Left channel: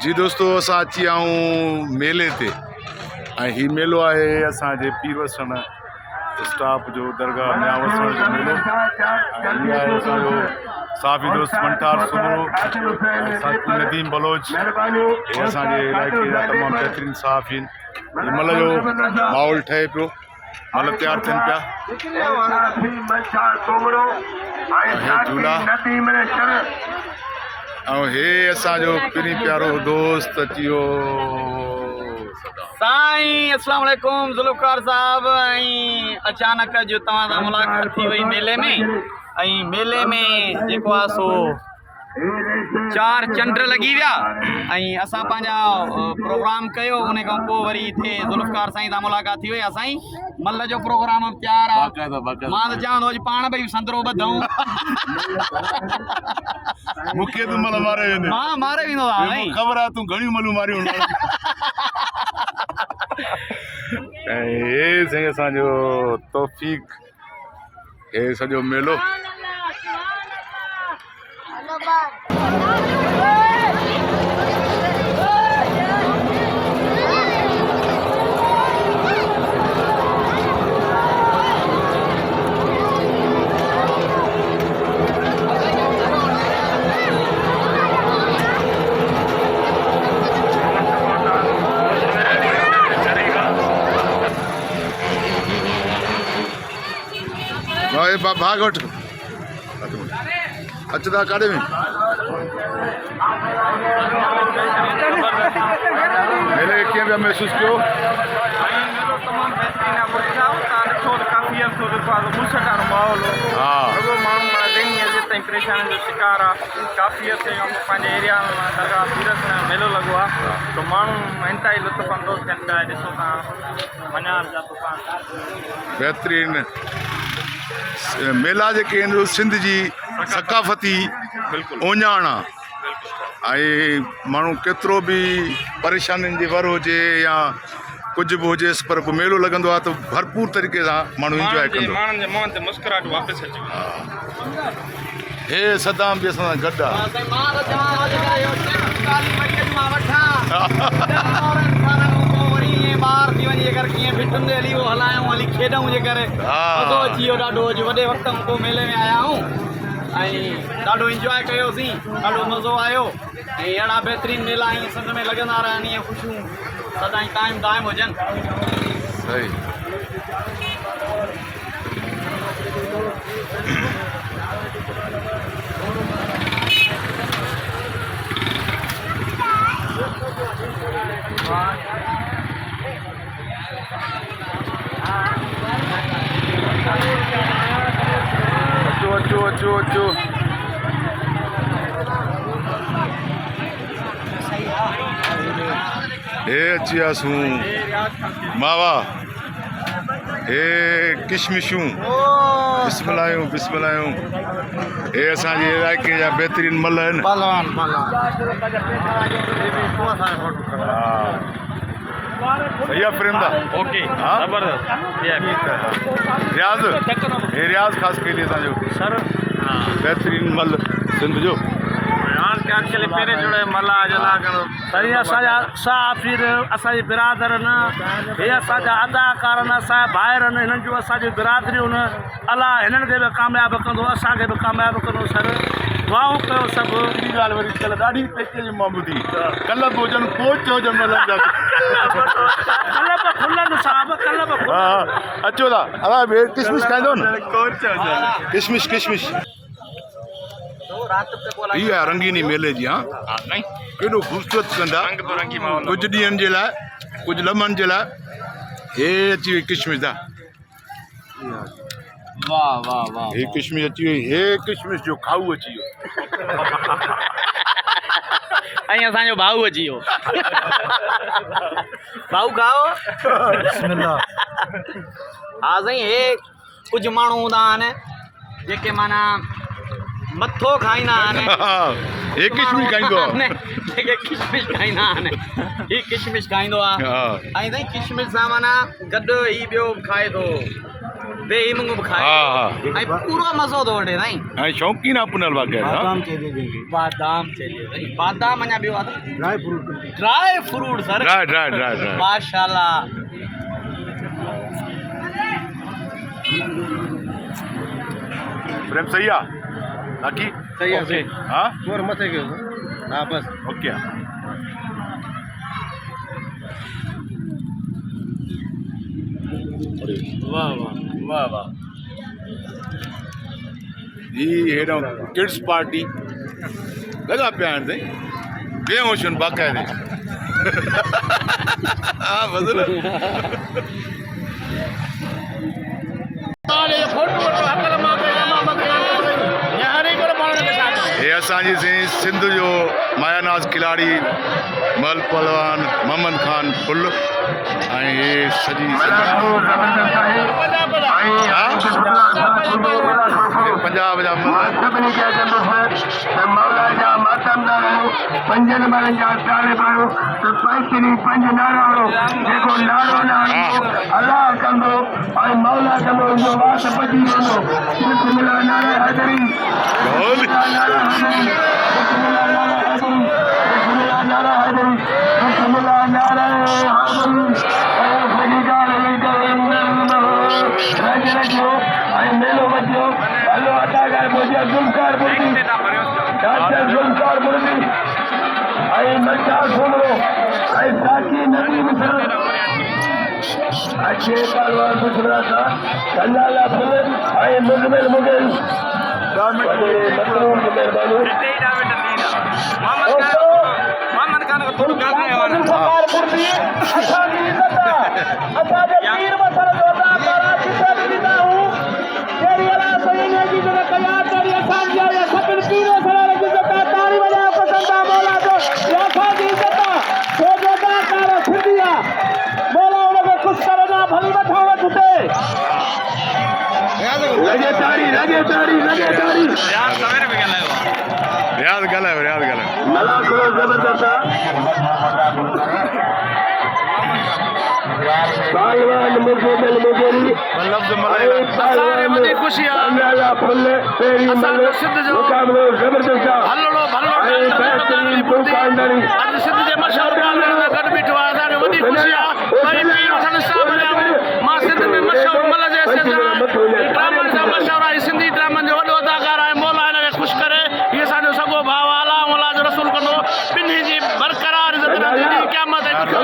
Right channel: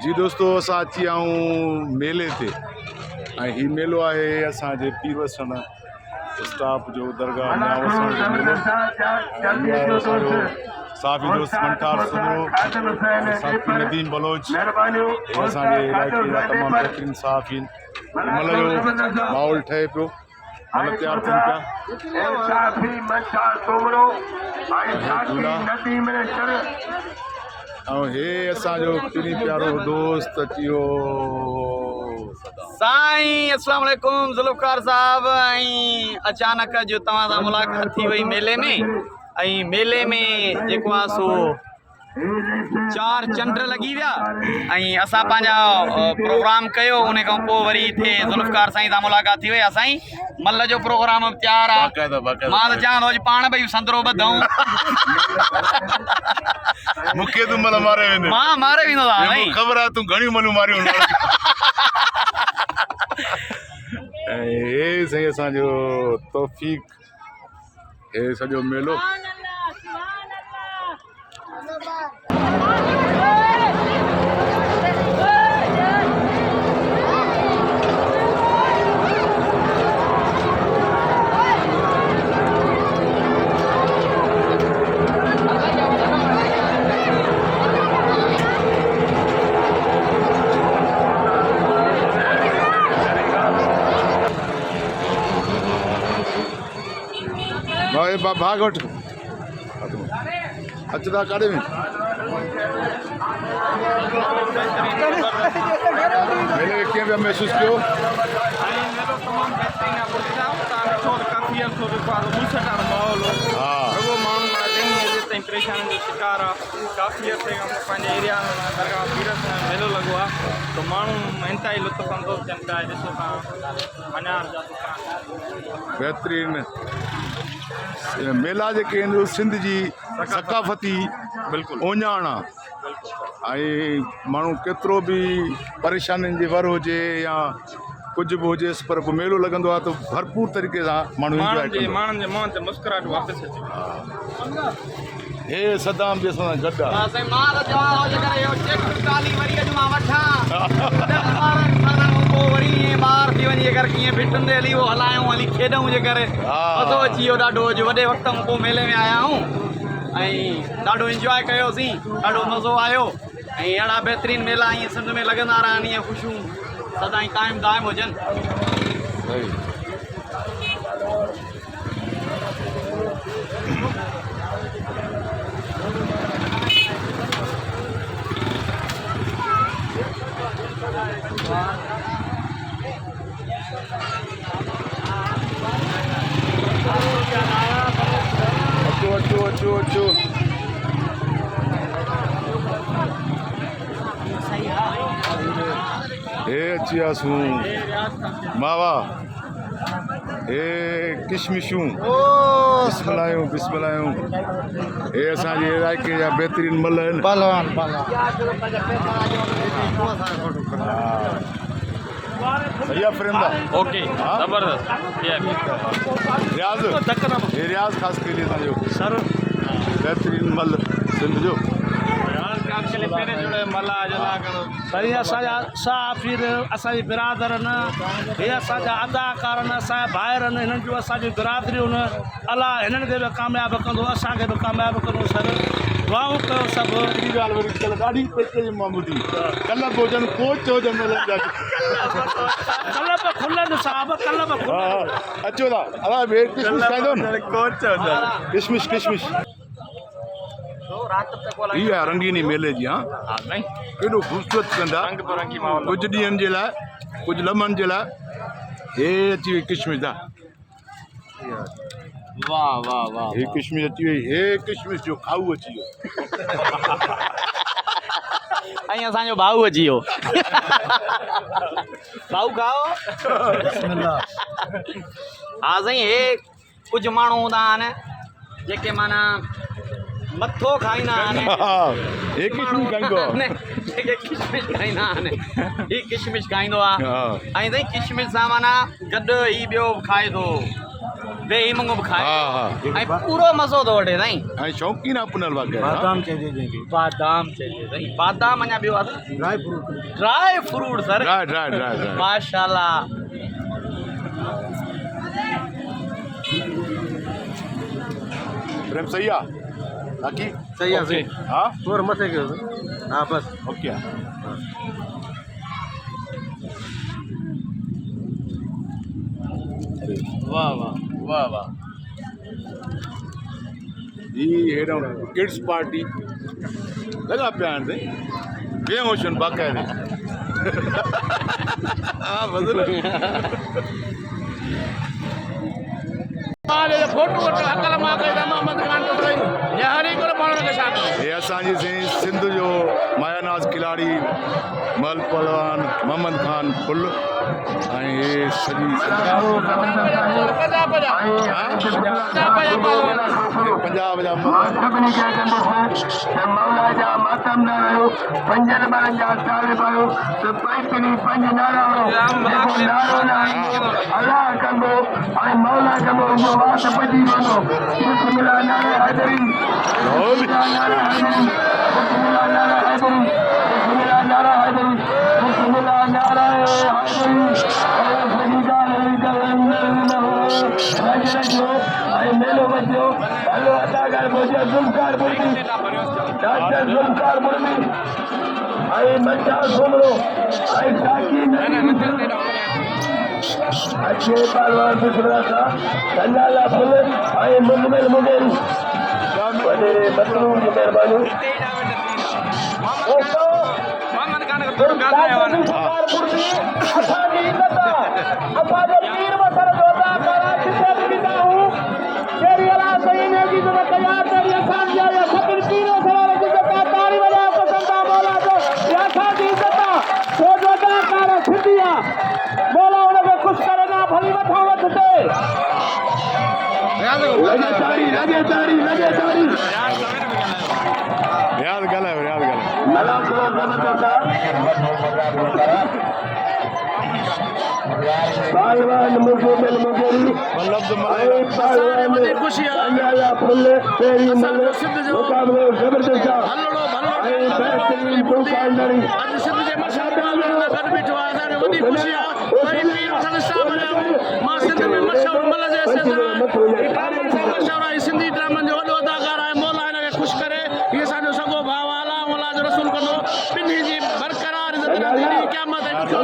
जी दोस्तों, असां अची विया आहियूं मेले ते। ऐं हीउ मेलो आहे असांजे पीर वसण स्टाफ जो दरगाह म्या वसण जो मेलो। ऐं हीअ आहे असांजो साफ़ी दोस्त मंठार सुमरो ऐं साथी नदीम बलोच। हे असांजे इलाइक़े जा तमामु बहितरीनु साफ़ आहिनि। हिन महिल जो माहौल ठहे पियो, मतलब तैयार थियनि पिया। हे झूला ऐं हे असांजो पिनी प्यारो दोस्त अची वियो साईं। अस्सलाम वालेकुम ज़ुल्फ़कार साहब। अचानक जो तव्हां सां मुलाक़ात थी वई मेले में। मेले में जेको आहे सो 4 चंड लगी विया। असां पंहिंजा प्रोग्राम कयो, उन खां पोइ वरी हिते ज़ुल्फ़कार साईं सां मुलाक़ात थी वई। असां मल जो प्रोग्राम तैयार आहे। मां त चवां थो अॼु पाण भई संदरो ॿधूं। मूंखे तूं मल मारे वेंदे। मां मारे वेंदो आहे, ख़बर आहे तूं घणियूं मलियूं मारियूं। ऐं हे साईं असांजो तौफ़ीक़, हे सॼो मेलो। भाग वठ अचदा काॾे में मेले खे कीअं पिया महसूस कयो? तमामु बहितरीन माहौल परेशानी जो शिकार आहे। काफ़ी पंहिंजे एरिया में दरगाह पीरस में मेलो लॻो आहे, तो माण्हू इंतिहाई लुत्फ़ अंदोज़ थियनि था। ॾिसो तव्हां मञाण जा दुकान बहितरीन मेला जेके आहिनि सिंध जी सकाफ़ती ओञाण आहे। ऐं माण्हू केतिरो बि परेशानियुनि जे वर हुजे या कुझु बि हुजेसि, पर पोइ मेलो लॻंदो आहे त भरपूर तरीक़े सां माण्हू इंजॉय कंदो। हे सदाम बि असां सां गॾु ॿार थी वञे कर कीअं फिटंदे हली उहो हलायूं, हली खेॾूं जे करे मज़ो अची वियो ॾाढो। अॼु वॾे वक़्त में पोइ मेले में आया आहियूं ऐं ॾाढो इंजॉय कयोसीं, ॾाढो मज़ो आयो। ऐं अहिड़ा बहितरीनु मेला ईअं सिंध में लॻंदा रहनि, ईअं ख़ुशियूं सदाईं क़ाइमु दाइमु हुजनि। सही अचो अचो अचो अचो। हे अची वियासीं मावा, हे किशमिशूं, बिस्मिल्लाहियूं बिस्मिल्लाहियूं। हे असांजे इलाइक़े जा बहितरीन मल आहिनि। सही आहे फ्रेम दा? ओके ज़बरदस्त। रियाज़, हे रियाज़ ख़ासि कहिड़ी असांजो बहितरीन मल सिंध जो सही। असांजा साफ़ीर, असांजी बिरादरनि, हे असांजा अदाकार आहिनि, असांजा भाइर आहिनि। हिननि जूं असांजी बिरादरियूं आहिनि। अलाह हिननि खे बि कामयाबु कंदो, असांखे बि कामयाबु कंदो। सर दुआऊं कयो सभु। हिकिड़ी ॻाल्हि वरी कल्ह ॾाढी पेचे जी मां ॿुधी, कल्ह बि हुजनि कोच हुजनि मलनि जा। अचो था अलाए किशमिश खाईंदो न? किशमिश किशमिश इहा आहे रंगीनी मेले जी। हाँ केॾो ख़ूबसूरत कंदा कुझु ॾींहंनि जे लाइ, कुझु लम्हनि जे लाइ। हे अची वई किशमिश दा। वाह वाह वाह। हे किशमिश अची वई, हे किशमिश जो खाऊ अची वियो। ऐं असांजो भाऊ अची वियो। भाऊ खाओ। हा साईं, हे कुझु माण्हू हूंदा आहिनि जेके माना मथो खाईंदा आहिनि। हे किशमिश खाईंदो आहे, जेके किशमिश खाईंदा आहिनि। हीउ किशमिश खाईंदो आहे। ऐं साईं किशमिश सां माना गॾु ही ॿियो खाए थो बेही मंगो हा खाए हा ऐं पूरो मज़ो थो वठे साईं ऐं शौक़ीन आहे पुनल वग़ैरह बादाम चाहिए जंहिंखे बादाम चइजे साईं बादाम अञा ॿियो आहे dry fruit dry fruit sir dry dry dry dry माशाल्लाह प्रेम सही आहे बाक़ी सही आहे सही हा थोरो मथे कयो हा बस ओके आहे वाह वाह वाह वाह ही हेॾो किड्स पार्टी लॻा पिया आहिनि साईं बेहोश आहिनि बाक़ाइदे हा बदिल हे असांजी साईं सिंध जो मायानाज़ खिलाड़ी मल पहलवान मोहम्मद खान फुल ऐं हे सॼी पंजाब जा सभिनी खे मौला जा मातमदार आहियो 5 नंबरनि जा तालिब आहियो त पैतरी 5 नारा जेको नारो अल्लाह कंदो ऐं मौला कंदो जो वास पची वेंदो बिस्मिल्लाह नारे हैदरी बिस्मिल्लाह नारे हैदरी बिस्मिल्लाह नारे हैदरी बिस्मिल्लाह नारे हैदरी मेलो बचो हलो अदा करे मुझे जुल्फकार मुर्दी डॉक्टर जुल्फकार मुर्दी आई मचा सुनो आई साकी नहीं अच्छे पहलवान दूसरा था संजाला फुले आई मुजमिल मुगल रियाज़ ॻाल्हायो रियाज़ ॻाल्हायो लफ़्ज़ मलाई असांखे वॾी ख़ुशी आहे असांजो सिंध जो हलड़ो भलड़ो अॼु सिंध जे मशहूरु ॻाल्हियुनि सां गॾु बीठो आहे असांखे वॾी ख़ुशी आहे वरी पीर हसन साहब मां सिंध में मशहूरु मल जे ड्रामनि सां मशहूरु आहे सिंधी ड्रामनि जो वॾो अदाकार आहे मौला हिनखे ख़ुशि करे हीअ असांजो सॻो भाउ आहे अला मौला जो रसूल कंदो ॿिन्ही जी बरक़रार इज़त रहंदी क़यामत ऐं ॾुखियो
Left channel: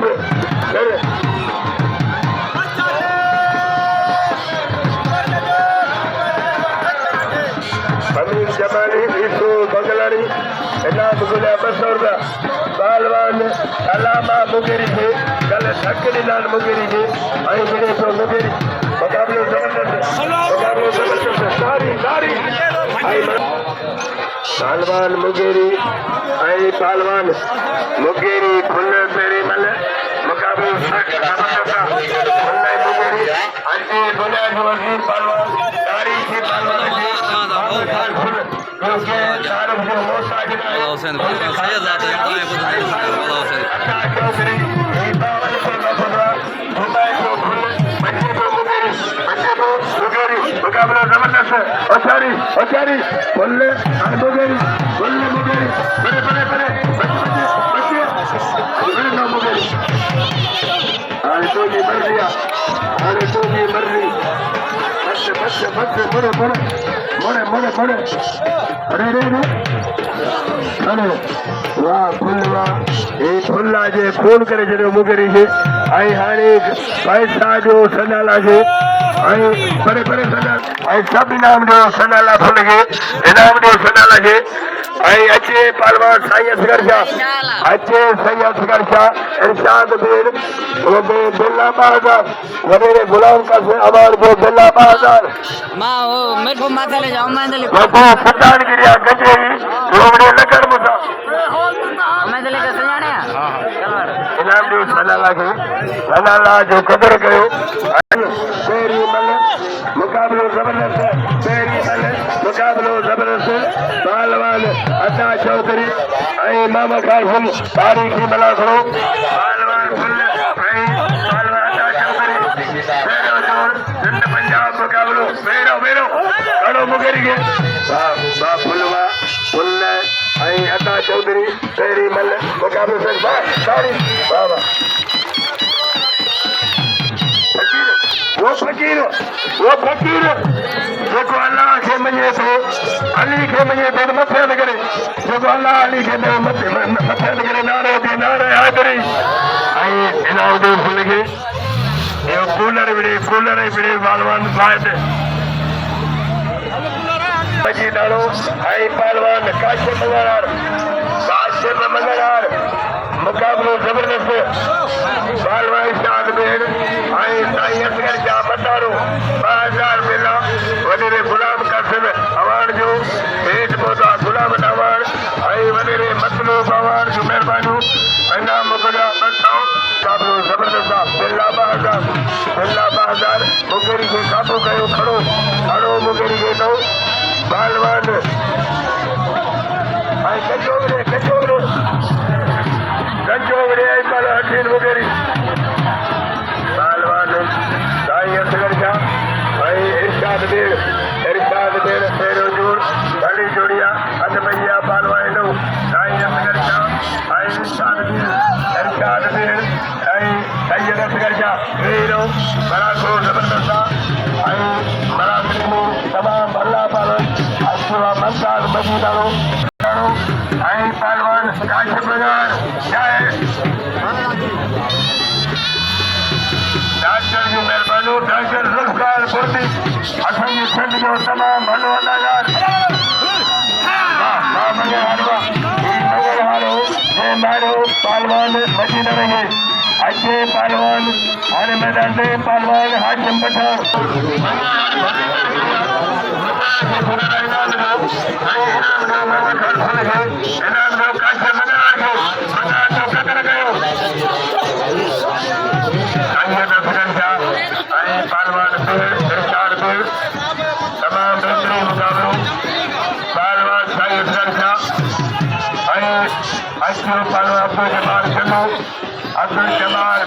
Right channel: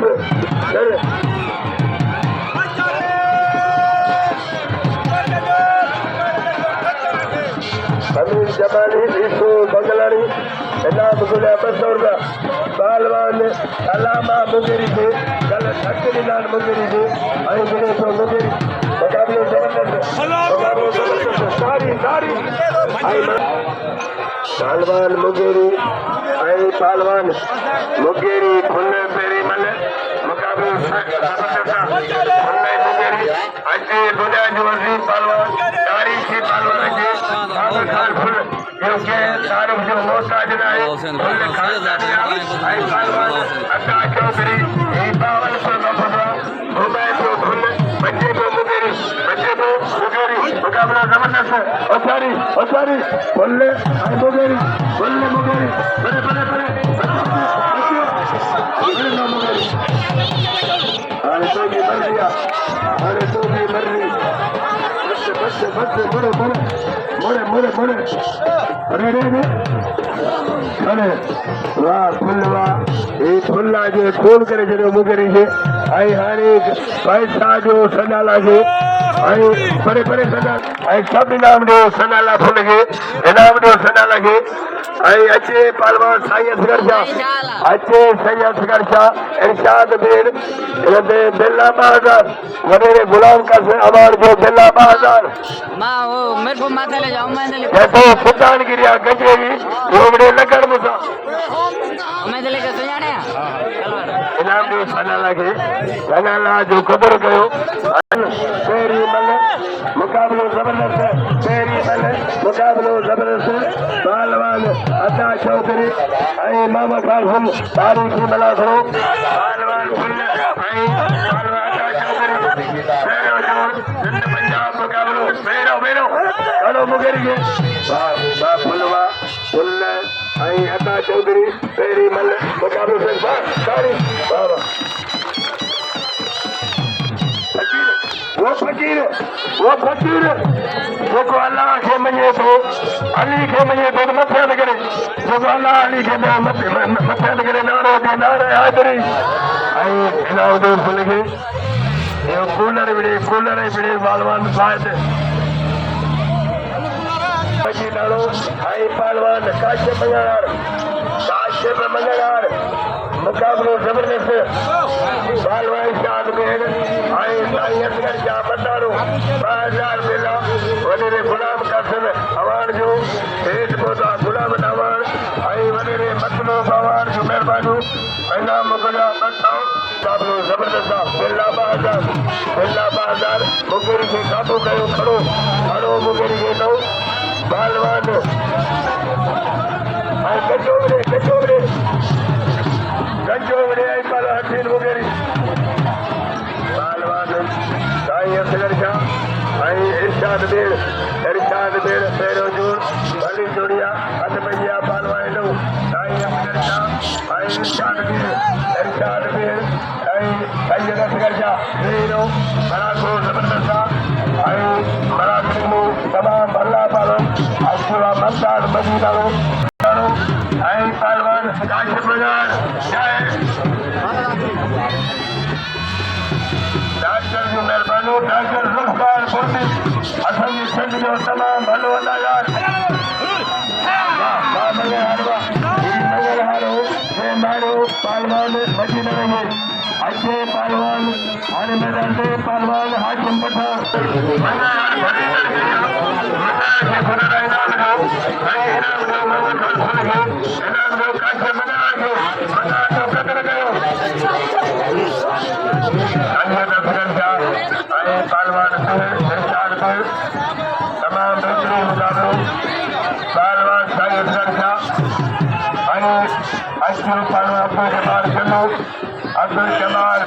ॾींहुं अमीर जमानी ईसो बंगलानी इनाम गुना बसौर पहलवान अलामा मुगेरी थे कल थकड़ी नाल मुगेरी थे आई गिरे तो मुगेरी मुकाबलो जबरदस्त सारी सारी आई पहलवान मुगेरी आई पहलवान मुगेरी खुले पेरी मल मुकाबलो मुगेरी अजे बोला जो पहलवान सारी से पहलवान फोन करे छॾियो मुगेरी खे ऐं हाणे पैसा जो सनाला खे ऐं परे परे सना ऐं सभु इनाम ॾियो सनाला फुल खे इनाम ॾियो सनाला खे ऐं अचे पहलवान साईं असगर शाह अचे साईं असगर शाह इरशाद बेर बिल्ला बहादुर वॾे गुलाम कासिम अवार्ड जो बिल्ला बहादुर मां वो मेरे को माथे ले जाओ मैं ले बाबू सुल्तान गिरिया गंजेरी रोवड़े नगर मुसा मैं ले के सुनाने इनाम ॾियो सनाला जो क़दुरु कयो पहिरीं मल मुक़ाबिलो ज़बरदस्त पहिरीं मल मुक़ाबिलो ज़बरदस्त पहलवान अता चौधरी ऐं मामा कासिम तारीख़ी मलाखड़ो पहलवान फुल ऐं पहलवान अता चौधरी पहिरियों जोड़ सिंध पंजाब मुक़ाबिलो पहिरियों ॾाढो मुगरी खे वाह फुलवा फुल ऐं अता चौधरी पहिरीं मल मुक़ाबिलो तारीख़ वाह वाह वो फकीर जेको अल्लाह खे मञे थो अली खे मञे थो त मथे न करे जेको अल्लाह अली खे मथे न करे नारो थे नारे हाज़िरी ऐं इनाम ॾियो खे इहो कूलर विड़े पहलवान फ़ाइद मजी नालो ऐं पहलवान काशिफ मंगलार मुक़ाबिलो ज़बरदस्त पहलवान शाद बेड़ ऐं साईं असगर जा मदारो 2000 बिला वॾेरे गुलाम कासिम अवार्ड जो हेठि पहुता गुलाम अवार्ड ऐं वॾेरे मतलूब अवार्ड जूं महिरबानियूं इनाम मोकिलिया मुक़ाबिलो ज़बरदस्त आहे बिल्ला बहादुर मुगेरी खे काबू कयो खड़ो मुगेरी खे नओ पहलवान ऐं गंजोगड़े ऐं पर हसीन मुगेरी पहलवान साईं असगर शाह ऐं इरशाद बेड़ पहिरियों जोड़ ॾाढी जोड़िया हथ भैया पहलवान नओ साईं असगर शाह ऐं इरशाद बेड़ ऐं साईं असगर शाह पहिरियों बराबरो ज़बरदस्त आहे ऐं बराबरी में तमामु भला पालन अचुवा ममताज़ मदीनारो ऐं पहलवान काशिफ मंगलार डॉक्टर जी महिरबानी डॉक्टर ज़ुल्फ़िकार बुर्दी असांजी सिंध जो तमामु भलो अदाकार पहलवान बची न रहे अचे पहलवान हर मैदान में पहलवान हाशिम पठान अब्दुल जमाल